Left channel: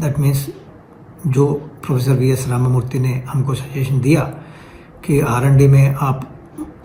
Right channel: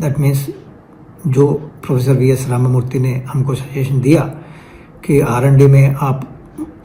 That means जो professor VS. Ramamurthy ने हमको सजेशन दिया कि R&D में आप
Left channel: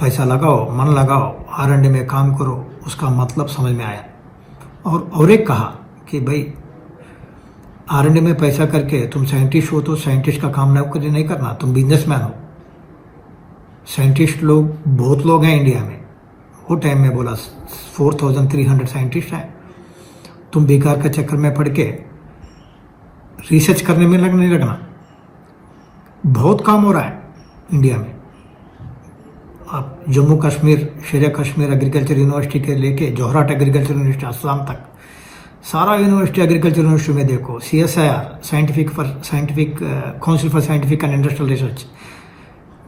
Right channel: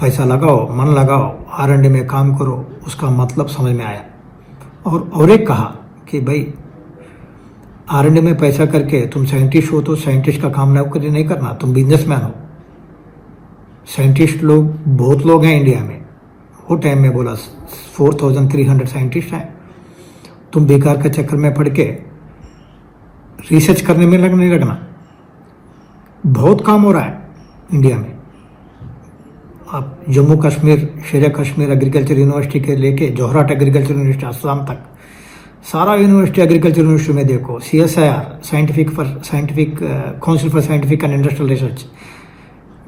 पैसा लगाओ, मन लगाओ, R&D में काम करो, उसका मतलब समझ में आया। और एक कहा कि भाई R&D में पैसा करके तुम साइंटिस्ट हो तो साइंटिस्ट का काम नौकरी नहीं करना, तुम बिजनेसमैन हो। साइंटिस्ट लोग बहुत लोग हैं इंडिया में, वो टाइम में बोला 4300 साइंटिस्ट हैं। तुम बेकार के चक्कर में पड़ के रिसर्च करने में लगना। बहुत काम हो रहा है इंडिया में। आप जम्मू कश्मीर, शेर कश्मीर एग्रीकल्चर यूनिवर्सिटी के लेके जोहराट एग्रीकल्चर यूनिवर्सिटी असलाम तक, सारा यूनिवर्सिटी एग्रीकल्चर यूनिवर्सिटी में देखो, CSIR scientific council for scientific and industrial research,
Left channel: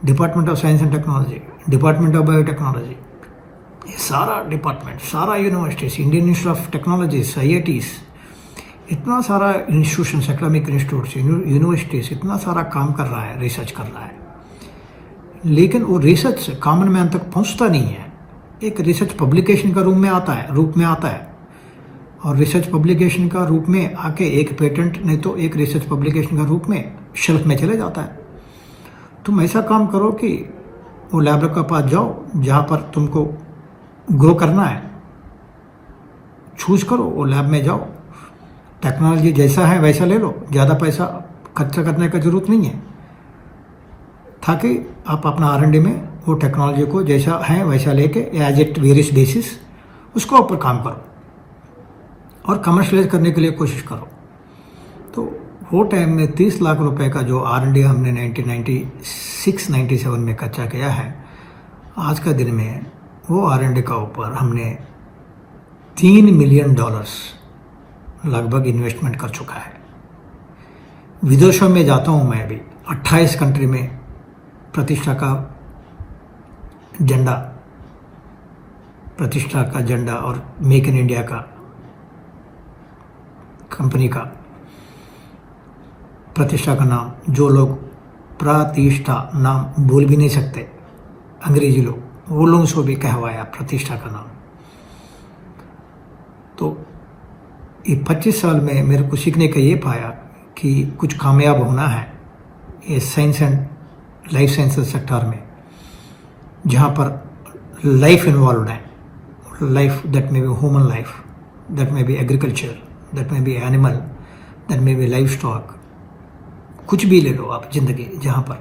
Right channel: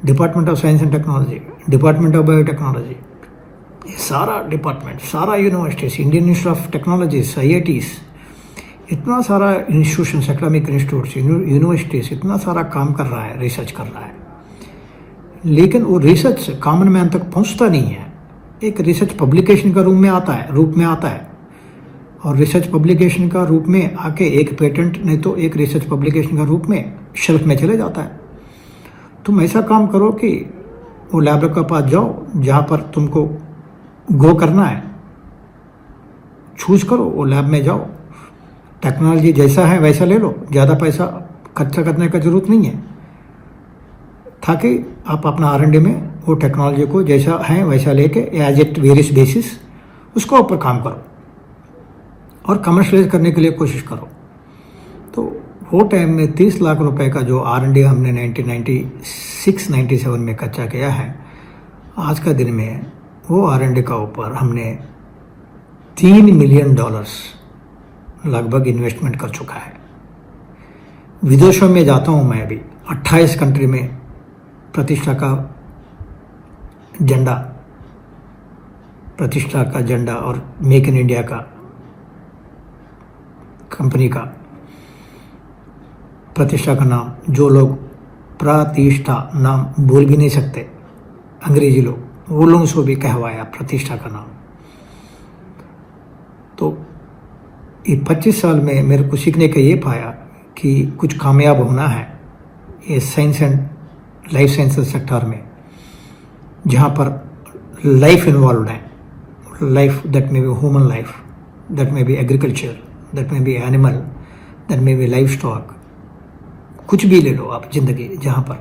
department of science and technology, department of biotechnology, ये सारा डिपार्टमेंट, सारा universities, Indian institute of technology, IITs, इतना सारा इंस्टीट्यूशंस, एकेडमिक इंस्टीट्यूट्स, यूनिवर्सिटीज, इतना सारा काम कर रहा है, रिसर्च कर रहा है। लेकिन वो रिसर्च कॉमन मैन तक पहुंचता नहीं है। एक रिसर्च पब्लिकेशन का रूप में आता है और रिसर्च पब्लिकेशन का रूप में आके एक पेटेंट नहीं तो एक रिसर्च पब्लिकेशन का रूप में शेल्फ में चले जाता है। तुम ऐसा काम करो कि वो लैब के पास जाओ जहाँ पर तुमको ग्रो करना है, चूज करो, वो लैब में जाओ, टेक्नोलॉजी जैसा है वैसा ले लो, ज़्यादा पैसा खर्चा करने का जरूरत नहीं है, ताकि आप अपना R&D में वो टेक्नोलॉजी को जैसा है वैसा लेके एज इट वेरियस बेसिस उसको ऊपर काम करो और कमर्शलाइज करने के लिए कोशिश करो। तो वो टाइम में 30 लाख रुपए का जो R&D हमने 1996-97 में खर्चा किया है, आज का दिन में वो R&D का ऊपर हमने $3 मिलियन लगभग इन्वेस्टमेंट कर चुका है। विदेशों में जाता हूँ मैं अभी, 28 कंट्री में प्रतिष्ठा का झंडा और मेक इन इंडिया का कंपनी का प्रतिष्ठा का नाम, जो लोग प्रतिष्ठा नाम बोल भी नहीं सकते अंग्रेजी लोग, वो लोगों से भी कहवाया प्रतिष्ठा का नाम। तो ये 25 साल में मेरे को सीखने का ये पाया कि कुछ कामयाब होना है ये science and life sciences sector में, जहाँ पर लाइफ इन्वॉल्व है, life that may be human life, that may be agriculture, that may be animal, that may be life stock, कुछ भी ले लो आप जिंदगी, जहाँ पर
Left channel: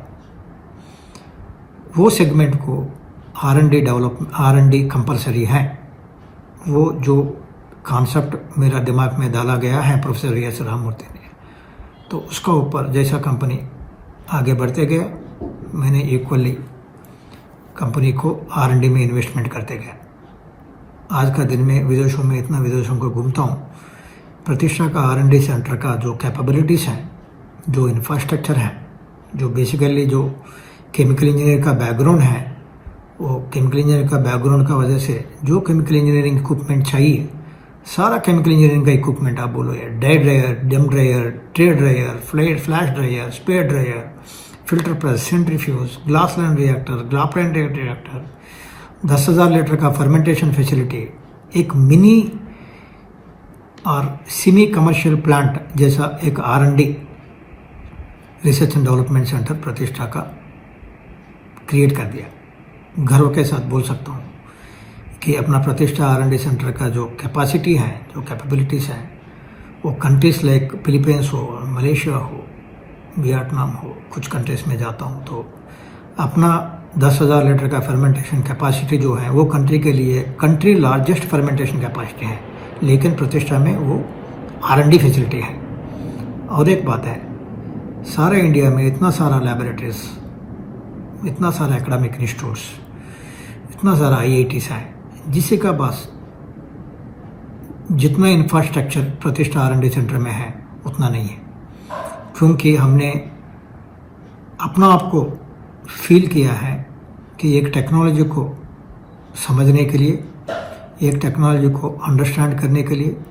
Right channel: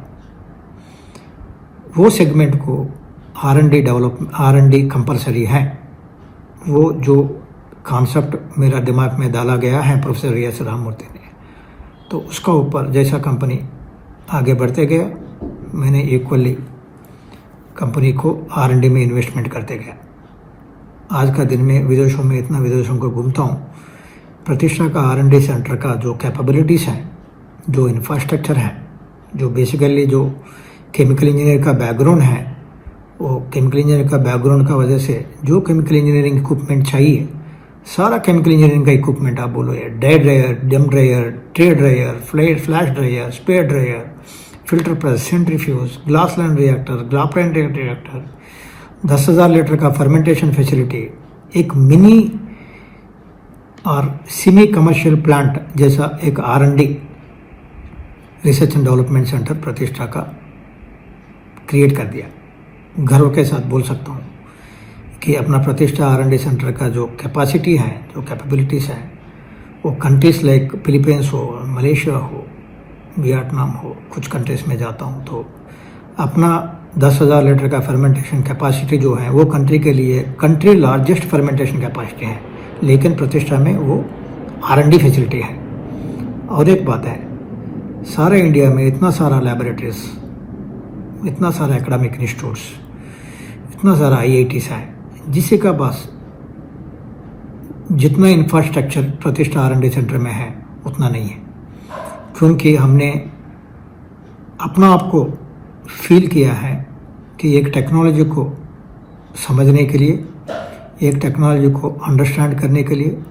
वो सेगमेंट को R&D कंपलसरी है। वो जो कॉन्सेप्ट मेरा दिमाग में डाला गया है प्रोफेसर वी.एस. रामामूर्ति ने, तो उसका ऊपर जैसा कंपनी आगे बढ़ते गया, मैंने इक्वली कंपनी को R&D में इन्वेस्टमेंट करते गया। आज का दिन में विदेशों में इतना विदेशों को घूमता हूँ, प्रतिष्ठा का R&D सेंटर का जो कैपेबिलिटीज़ हैं, जो इंफ्रास्ट्रक्चर है, जो बेसिकली जो केमिकल इंजीनियर का बैकग्राउंड है, वो केमिकल इंजीनियर का बैकग्राउंड का वजह से जो केमिकल इंजीनियरिंग इक्विपमेंट चाहिए, सारा केमिकल इंजीनियरिंग का इक्विपमेंट आप बोलो, ये डाई ड्रायर, डम dryer, tray dryer, flash dryer, spare dryer, filter press, centrifuge, glass line reactor, ग्राफाइन reactor, 10,000 litre का फर्मेंटेशन फैसिलिटी, एक मिनी और सेमी कमर्शियल प्लांट जैसा एक R&D research and development centre प्रतिष्ठा का क्रिएट कर दिया। गर्व के साथ बोल सकता हूँ कि अपना प्रतिष्ठा R&D सेंटर का जो कैपेसिटी है, जो कैपेबिलिटीज़ है, वो कंट्रीज लाइक फिलीपींस हो, मलेशिया हो, वियतनाम हो, कुछ कंट्रीज में जाता हूँ तो अपना 10,000 लीटर का फर्मेंटेशन कैपेसिटी जो है वो कंट्री के लिए कंट्री लार्जेस्ट फर्मेंटेशन कैपेसिटी है, लेकिन प्रतिष्ठा में वो R&D फैसिलिटी है। और एक बात है, सारे इंडिया में इतना सारा लैबोरेटरीज, इतना सारा एकेडमिक इंस्टीट्यूट्स, इतना सारा IITs है, जिससे का पास जितना इंफ्रास्ट्रक्चर प्रतिष्ठा R&D सेंटर में है उतना नहीं है, क्योंकि हमने अपना आप को फील किया है कि एक टेक्नोलॉजी को समझने के लिए, एक टेक्नोलॉजी को अंडरस्टैंड करने के लिए,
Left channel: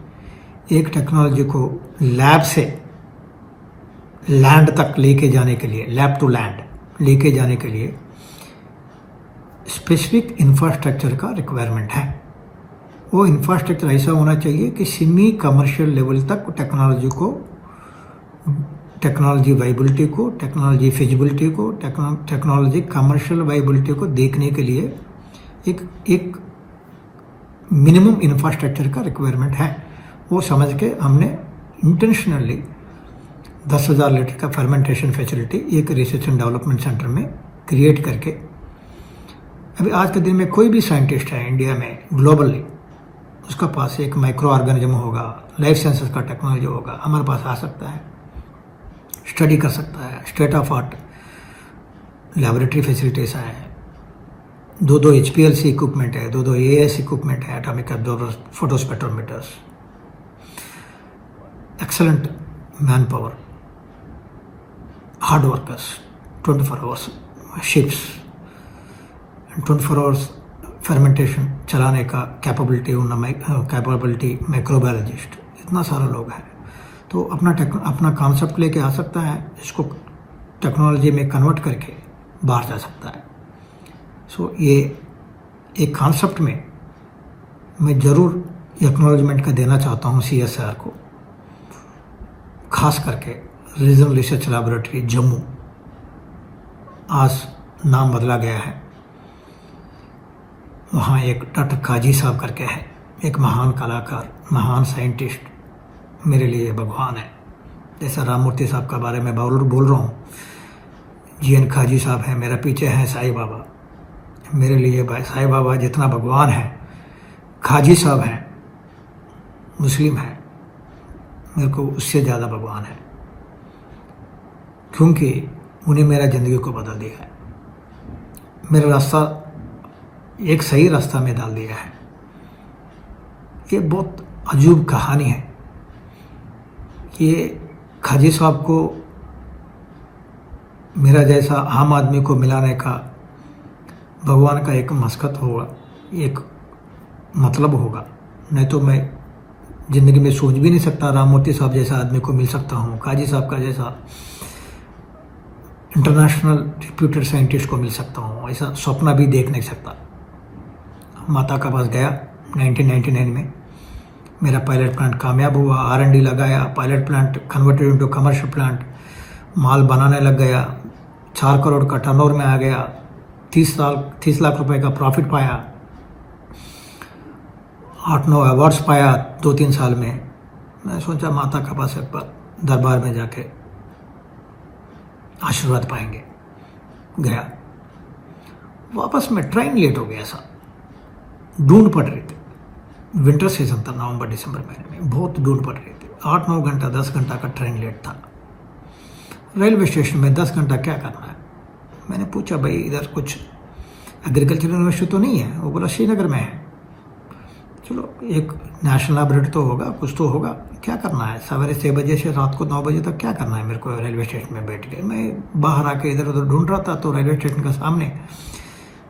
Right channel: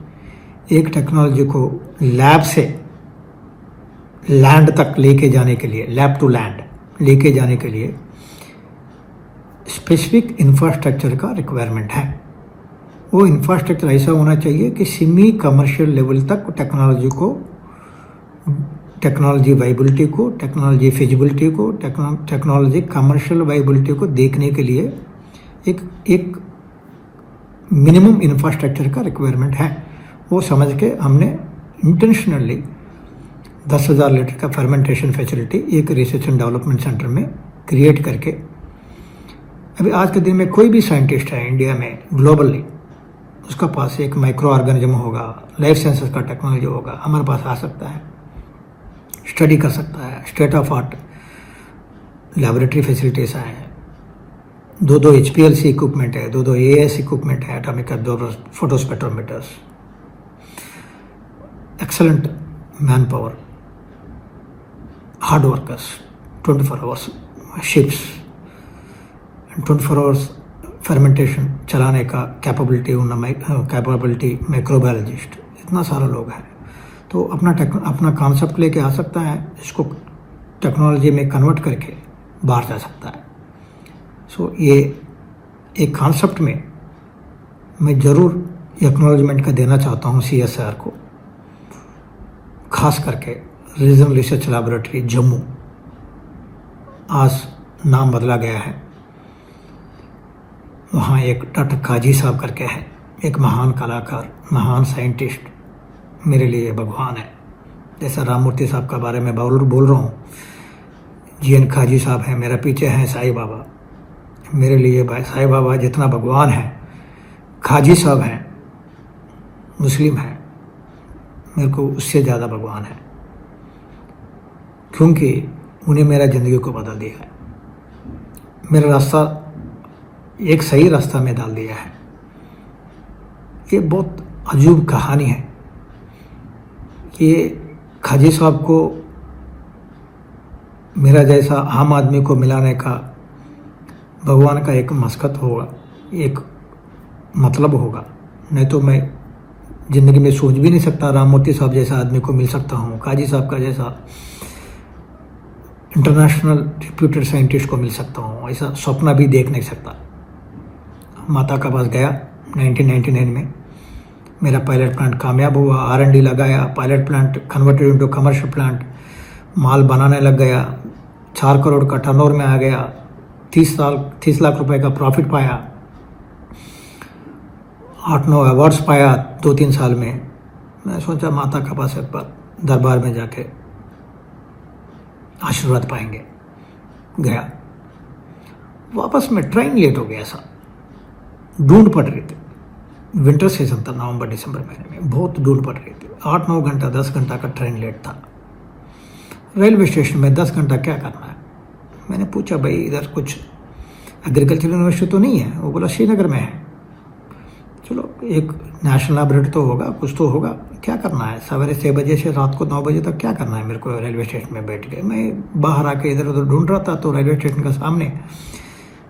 एक टेक्नोलॉजी को लैब से लैंड तक लेके जाने के लिए, लैब टू लैंड लेके जाने के लिए स्पेसिफिक इंफ्रास्ट्रक्चर का रिक्वायरमेंट है। वो इंफ्रास्ट्रक्चर ऐसा होना चाहिए कि सेमी कमर्शियल लेवल तक टेक्नोलॉजी को टेक्नोलॉजी वाइबिलिटी को, टेक्नोलॉजी फिजिबिलिटी को, टेक्नोलॉजी कमर्शियल वाइबिलिटी को देखने के लिए एक मिनिमम इंफ्रास्ट्रक्चर का रिक्वायरमेंट है। वो समझ के हमने इंटेंशनली 10,000 लीटर का फर्मेंटेशन फैसिलिटी एक रिसर्च एंड डेवलपमेंट सेंटर में क्रिएट करके, अभी आज के दिन में कोई भी साइंटिस्ट है इंडिया में ग्लोबली, उसका पास एक माइक्रो ऑर्गेनिज्म होगा, लाइफ साइंसेस का टेक्नोलॉजी होगा, हमारे पास आ सकता है, स्टडी कर सकता है। State of art laboratory facilities हैं, 2 HPLC इक्विपमेंट है, 2 AAS इक्विपमेंट है, atomic observers, photo spectrometers, excellent man power, hard workers, 24 hours ships, 24 hours fermentation चलाने का कैपेबिलिटी माइक्रोबायोलॉजिस्ट, इतना सारा लोग हैं। तो अपना कॉन्सेप्ट लेके आ सकता है, इसको टेक्नोलॉजी में कन्वर्ट करके बाहर जा सकता है। सो ये एक कॉन्सेप्ट में मैं ज़रूर एक्नॉलेजमेंट का देना चाहता हूँ CSIR को, खास करके रीजनल रिसर्च लैबोरेटरी जम्मू, आज नाम बदला गया है। वहाँ एक डॉक्टर काजी साहब करके है, एक महान कलाकार, महान साइंटिस्ट, मेरे लिए भगवान है। जैसा राममूर्ति साहब के बारे में बोल रहा हूँ, GN काजी साहब हैं, मेरा पीछे हैं साईं बाबा, मेरे लिए भाई साईं बाबा जितना भगवान है, काजी साहब हैं, मुस्लिम हैं, मेरे को उससे ज़्यादा भगवान है, क्योंकि उन्हें मेरा ज़िंदगी को बदल दिया है, मेरा रास्ता एक सही रास्ता में डाल दिया है। ये बहुत अजूब कहानी है कि काजी साहब को मेरा जैसा आम आदमी को मिलाने का भगवान का एक मस्कत होगा, एक मतलब होगा। नहीं तो मैं ज़िंदगी में सोच भी नहीं सकता राममूर्ति साहब जैसा आदमी को मिल सकता हूँ, काजी साहब का जैसा इंटरनेशनल रिप्यूटेड साइंटिस्ट को मिल सकता हूँ, ऐसा सपना भी देख नहीं सकता। माता का पास गया 1999 में, मेरा पायलट प्लांट कामयाब हुआ, R&D लगाया, pilot plant converted into commercial plant, माल बनाने लग गया, 4 करोड़ का टर्नओवर में आ गया, 30 लाख रुपए का प्रॉफिट पाया, 8-9 अवार्ड्स पाया 2-3 साल में। मैं सोचा माता का पास एक बार दरबार में जाके आशीर्वाद पाएंगे। गया, वापस में ट्रेन लेट हो गया, सा ढूंढ पड़ रही थी, विंटर सीजन था, नवंबर दिसंबर महीने में, बहुत ढूंढ पड़ रही थी। 8-9 घंटा 10 घंटा का ट्रेन लेट था। रेलवे स्टेशन में 10 घंटा क्या करना है? मैंने पूछा भाई इधर कुछ एग्रीकल्चर यूनिवर्सिटी तो नहीं है? वो बोला श्रीनगर में है। चलो एक नेशनल लैबोरेटरी तो होगा, कुछ तो होगा, क्या करना है? सवेरे 6 बजे से रात को 9 बजे तक क्या करना है मेरे को रेलवे स्टेशन में बैठ के? मैं बाहर आके इधर उधर ढूंढ रहा था, तो रेलवे स्टेशन का सामने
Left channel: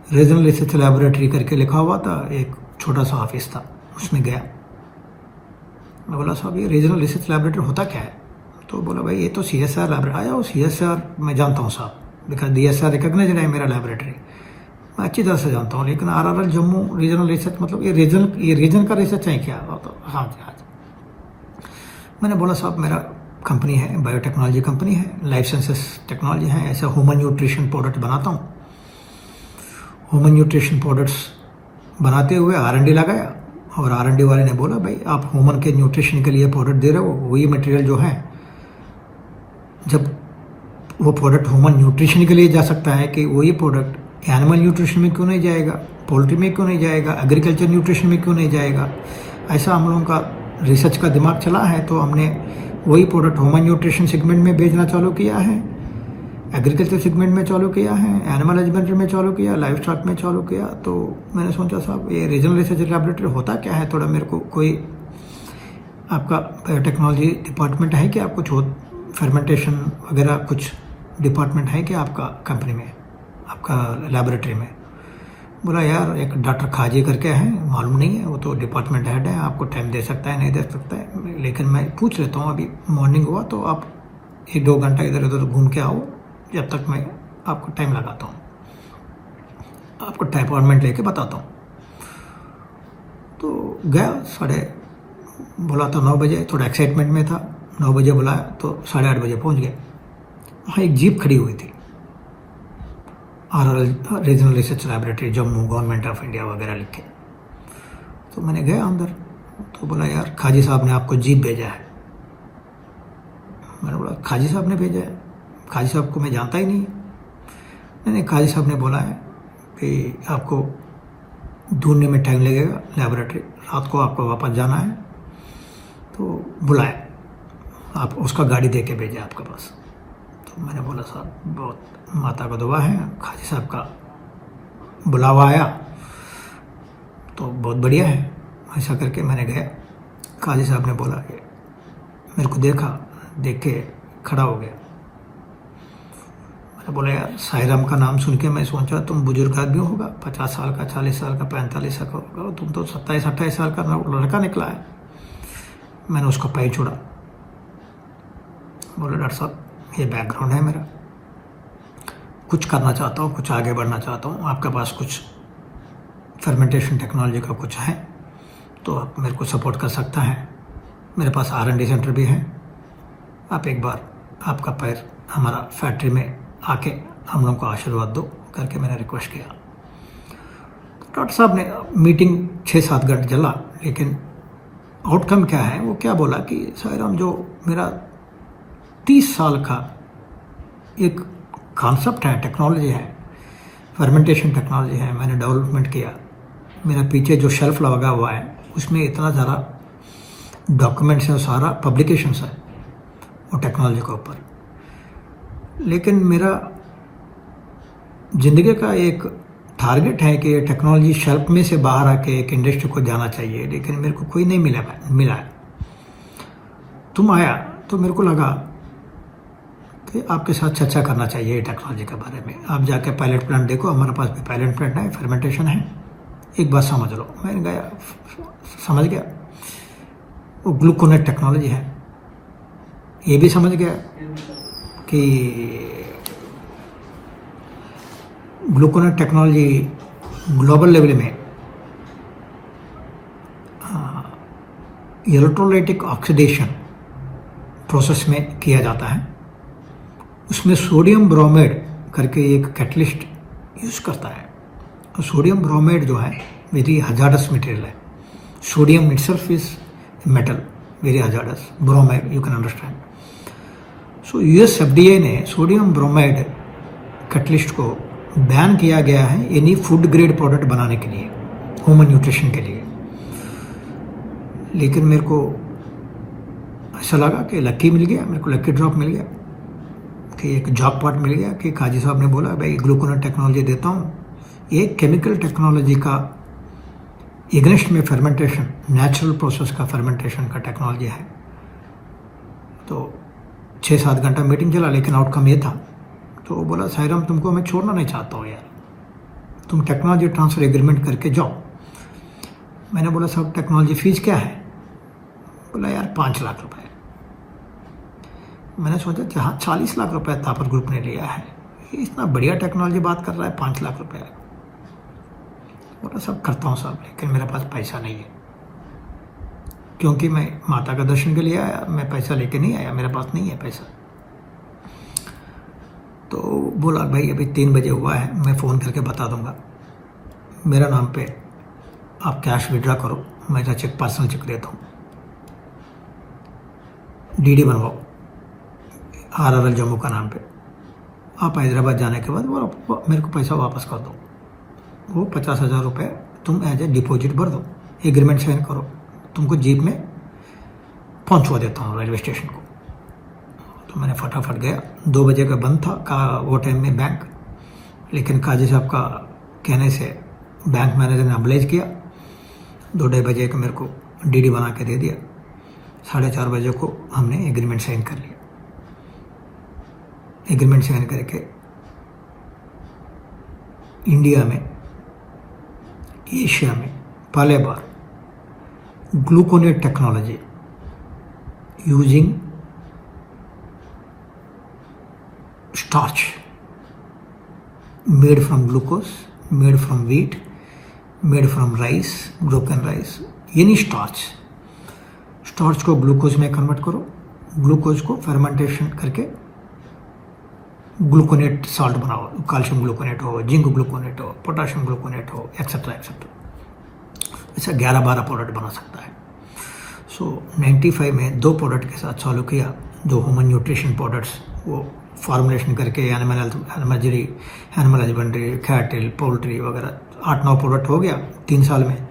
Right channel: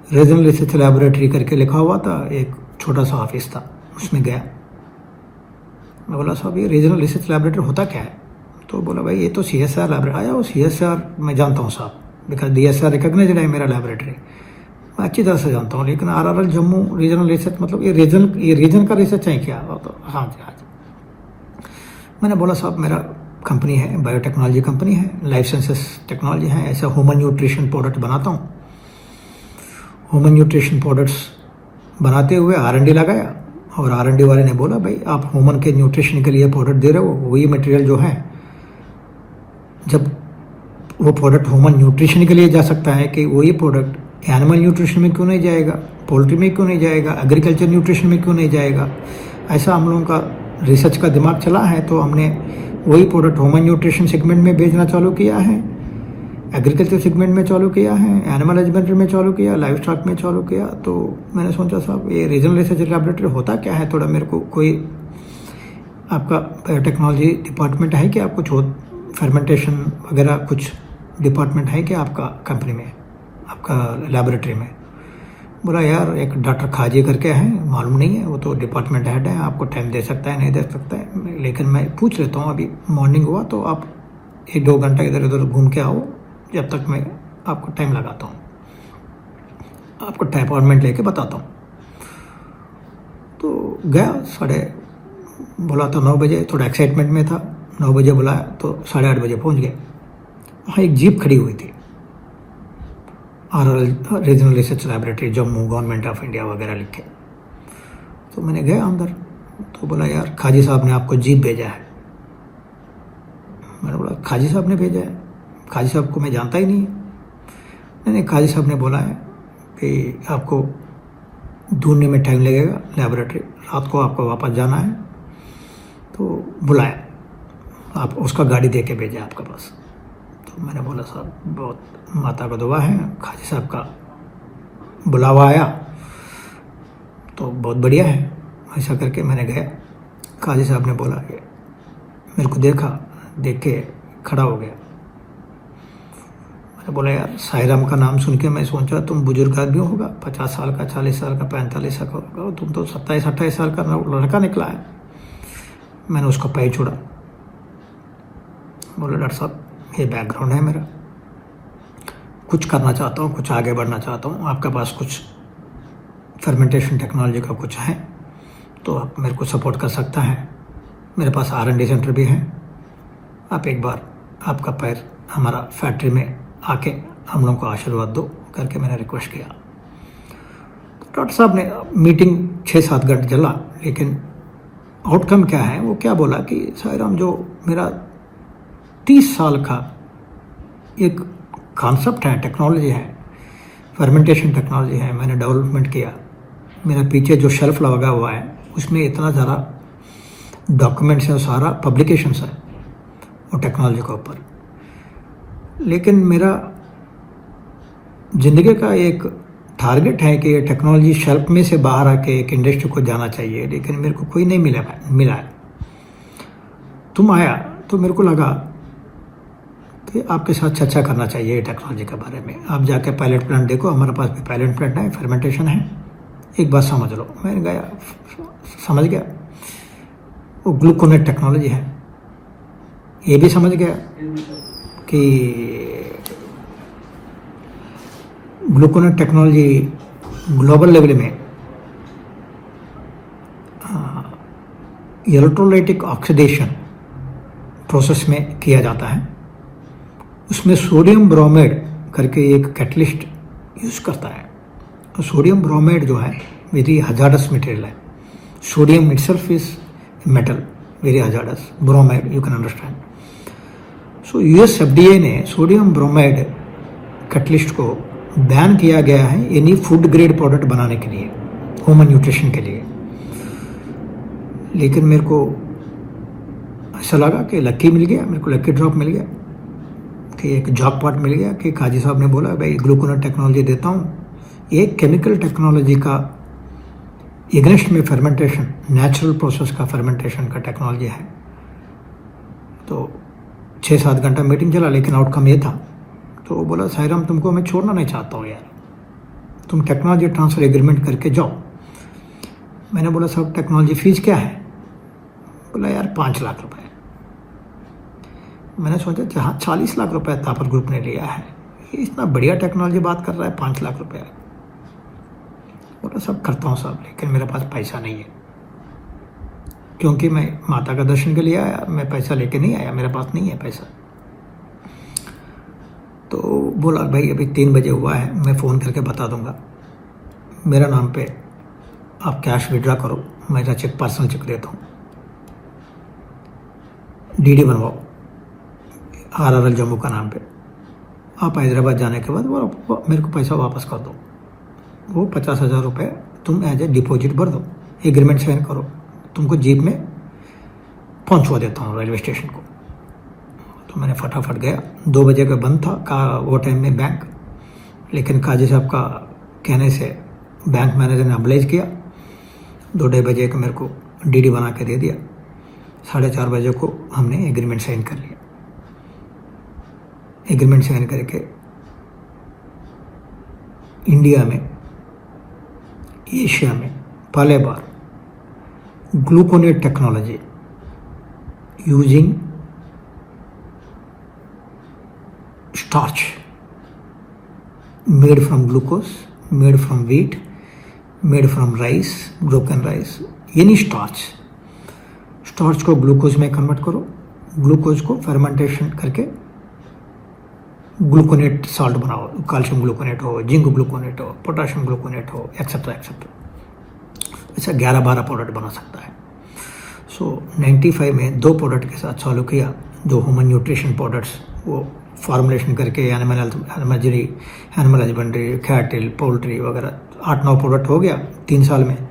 रीजनल रिसर्च लैबोरेटरी करके लिखा हुआ था, एक छोटा सा ऑफिस था, उसमें गया। मैं बोला साहब ये रीजनल रिसर्च लैबोरेटरी होता क्या है? तो बोला भाई ये तो CSIR लैबोरेटरी आया। वो CSIR मैं जानता हूँ साहब, बिकॉज DSR रिकॉग्नाइज्ड है मेरा लैबोरेटरी, मैं अच्छी तरह से जानता हूँ। लेकिन RRL जम्मू रीजनल रिसर्च मतलब ये रीजन का रिसर्च है क्या? तो हाँ जी। मैंने बोला साहब मेरा कंपनी है, बायोटेक्नोलॉजी कंपनी है, लाइफ साइंसेस टेक्नोलॉजी है, ऐसा ह्यूमन न्यूट्रिशन प्रोडक्ट बनाता हूँ। ह्यूमन न्यूट्रिशन प्रोडक्ट्स बनाते हुए R&D लगाया, और R&D वाले ने बोला भाई आप ह्यूमन के न्यूट्रिशन के लिए प्रोडक्ट दे रहे हो, वही मटेरियल जो है, जब वो प्रोडक्ट ह्यूमन न्यूट्रिशन के लिए जा सकता है, कि वही प्रोडक्ट एनिमल न्यूट्रिशन में क्यों नहीं जाएगा, पोल्ट्री में क्यों नहीं जाएगा, एग्रीकल्चर न्यूट्रिशन में क्यों नहीं जाएगा? ऐसा हम लोगों का रिसर्च का दिमाग चला है, तो हमने वही प्रोडक्ट ह्यूमन न्यूट्रिशन सेगमेंट में बेचना चालू किया है, एग्रीकल्चर सेगमेंट में चालू किया है, एनिमल हस्बेंड्री में चालू किया, लाइफ स्टॉक में चालू किया। तो मैंने सोचा साहब ये रीजनल रिसर्च लैबोरेटरी होता क्या है? थोड़ा मेरे को कोई आपका बायोटेक्नोलॉजी डिपार्टमेंट है क्या? कुछ हो फर्मेंटेशन वगैरह कुछ डिपार्टमेंट है क्या आपका कंपनी में, आपका लैबोरेटरी में? बोला यार एक डॉक्टर खाजी करके हैं, मालूम नहीं है, वो तो डिपार्टमेंट हेड है, आपको टाइम दे सकता है नहीं दे सकता है, लेकिन मैं पूछ लेता हूँ। अभी मॉर्निंग हुआ तो आप 1-2 घंटा इधर उधर घूम के आओ, जब तक मैं आपको टाइम लगाता हूँ, आपको अपॉइंटमेंट लेके बताता हूँ। तो गया, बोला था 9 बजे, थोड़ा एक्साइटमेंट में था, 9 बजे बुलाया तो 8:30 बजे पहुंच गए। वहाँ एक जीप खड़ी हुई थी, RRL regional research laboratory Jammu, government of India वगैरह लिखे। तो मैंने गया अंदर, तो बोला यार खाजी साहब ने आपको जीप भेजा है। मैंने बोला खाजी साहब ने भेजा है? खाजी साहब को मैं जानता ही नहीं। नहीं, खाजी साहब ने बोला है कि आपको ढूंढने में टाइम लगेगा लैबोरेटरी, रात को आपको वापस जाना है, तो बुलाया, आप उसका गाड़ी दे के भेजा आपके पास। तो मैंने बोला साहब बहुत माता का दुआ है, खाजी साहब का बुलावा आया तो बहुत बढ़िया है। ऐसा करके मैंने गया, खाजी साहब ने बोला कि मेरे को देखा, देख के खड़ा हो गया। मैंने बोला यार साईराम का नाम सुन के मैं सोचा तुम बुजुर्ग आदमी होगा, 50 साल का, 40 साल का, 45 साल का होगा, तुम तो 27-28 साल का लड़का निकला है। मैंने उसका पैर छोड़ा, बोले डॉक्टर साहब ये बैकग्राउंड है मेरा, कुछ करना चाहता हूँ, कुछ आगे बढ़ना चाहता हूँ, आपके पास कुछ फर्मेंटेशन टेक्नोलॉजी का कुछ है तो आप मेरे को सपोर्ट कर सकता है, मेरे पास R&D सेंटर भी है, आप एक बार आपका पैर हमारा फैक्ट्री में आके हम लोगों को आशीर्वाद दो करके मैंने रिक्वेस्ट किया। तो डॉक्टर साहब ने मीटिंग 6-7 घंटे चला, लेकिन आउटकम क्या है वो क्या बोला कि साईराम जो मेरा 30 साल का एक कॉन्सेप्ट है, टेक्नोलॉजी है, फर्मेंटेशन टेक्नोलॉजी है, मैंने डेवलपमेंट किया, मेरा पीछे जो शेल्फ लगा हुआ है उसमें इतना ज़्यादा डॉक्यूमेंट्स है, सारा पब्लिकेशंस है वो टेक्नोलॉजी के ऊपर। लेकिन मेरा ज़िंदगी का एक टारगेट है कि टेक्नोलॉजी शेल्फ में से बाहर आके एक इंडस्ट्री को जाना चाहिए, लेकिन मेरे को कोई नहीं मिला है। तुम आया तो मेरे को लगा कि आपके साथ चर्चा करना चाहिए टेक्नोलॉजी के बारे में। आप जाके पायलट प्लांट देखो, हमारे पास भी पायलट प्लांट है, फर्मेंटेशन है, एक बात समझ लो। मैं गया, समझ गया वो ग्लूकोनेट टेक्नोलॉजी है, ये भी समझ गया कि ग्लूकोनेट टेक्नोलॉजी ग्लोबल लेवल में इलेक्ट्रोलाइटिक ऑक्सीडेशन प्रोसेस में किया जाता है। उसमें सोडियम ब्रोमाइड करके एक कैटलिस्ट यूज़ करता है। तो सोडियम ब्रोमाइड जो है वेरी हजार्डस मटेरियल है। Sodium itself is metal, very hazardous, bromide you can understand. So US FDA ने सोडियम ब्रोमाइड कैटलिस्ट को बैन किया गया है एनी फूड ग्रेड प्रोडक्ट बनाने के लिए, ह्यूमन न्यूट्रिशन के लिए। लेकिन मेरे को ऐसा लगा कि लक्की मिल गया, मेरे को लक्की ड्रॉप मिल गया कि एक जॉब मिल गया कि काजी साहब ने बोला भाई ग्लूकोनेट टेक्नोलॉजी देता हूँ, एक केमिकल टेक्नोलॉजी का एग्नेस्ट में फर्मेंटेशन, नेचुरल प्रोसेस का फर्मेंटेशन का टेक्नोलॉजी है। तो 6-7 घंटा मीटिंग चला, लेकिन आउटकम ये था। तो वो बोला साईराम तुमको मैं छोड़ना नहीं चाहता हूँ यार, तुम टेक्नोलॉजी ट्रांसफ़र एग्रीमेंट करके जाओ। मैंने बोला साहब टेक्नोलॉजी फीस क्या है? बोला यार 5 लाख रुपए। मैंने सोचा जहाँ 40 लाख रुपए तापर ग्रुप ने लिया है, ये इतना बढ़िया टेक्नोलॉजी बात कर रहा है, 5 लाख रुपए। बोला सब करता हूँ साहब, लेकिन मेरे पास पैसा नहीं है, क्योंकि मैं माता का दर्शन के लिए आया, मैं पैसा लेके नहीं आया, मेरे पास नहीं है पैसा। तो बोला भाई अभी 3 बजे हुआ है, मैं फ़ोन करके बता दूंगा, मेरा नाम पे आप कैश विड्रा करो, मेरा चेक पर्सनल चेक देता हूँ, DD बनवाओ RRL जम्मू का नाम पे, आप हैदराबाद जाने के बाद वो मेरे को पैसा वापस कर दो। वो 50,000 रुपये तुम एज ए डिपॉजिट भर दो, एग्रीमेंट साइन करो, तुमको जीप में पहुंचवा देता हूँ रेलवे स्टेशन को। तो मैंने फटाफट गया, 2 बजे का बंद था का वो टाइम में बैंक, लेकिन काजी साहब का कहने से बैंक मैनेजर ने अब्लाइज किया, 2-2:30 बजे का मेरे को DD बना के दे दिया, 4:30 बजे को हमने एग्रीमेंट साइन कर लिया। एग्रीमेंट साइन करके इंडिया में, एशिया में पहले बार gluconate technology using starch made from glucose, made from wheat, made from rice, broken rice, any starch को ग्लूकोज में कन्वर्ट करो, ग्लूकोज को फर्मेंटेशन करके ग्लूकोनेट सॉल्ट बनाओ, कैल्शियम ग्लूकोनेट हो, जिंक ग्लूकोनेट हो, पोटाशियम ग्लूकोनेट हो, एक्सेट्रा एक्सेट्रा। ऐसा 11-12 प्रोडक्ट बना सकता है। सो 95 में 2 प्रोडक्ट के साथ चालू किया, जो ह्यूमन न्यूट्रिशन प्रोडक्ट्स, वो फॉर्मुलेशन करके एनिमल हस्बेंड्री, कैटल, पोल्ट्री वगैरह 8-9 प्रोडक्ट हो गया 3 साल में।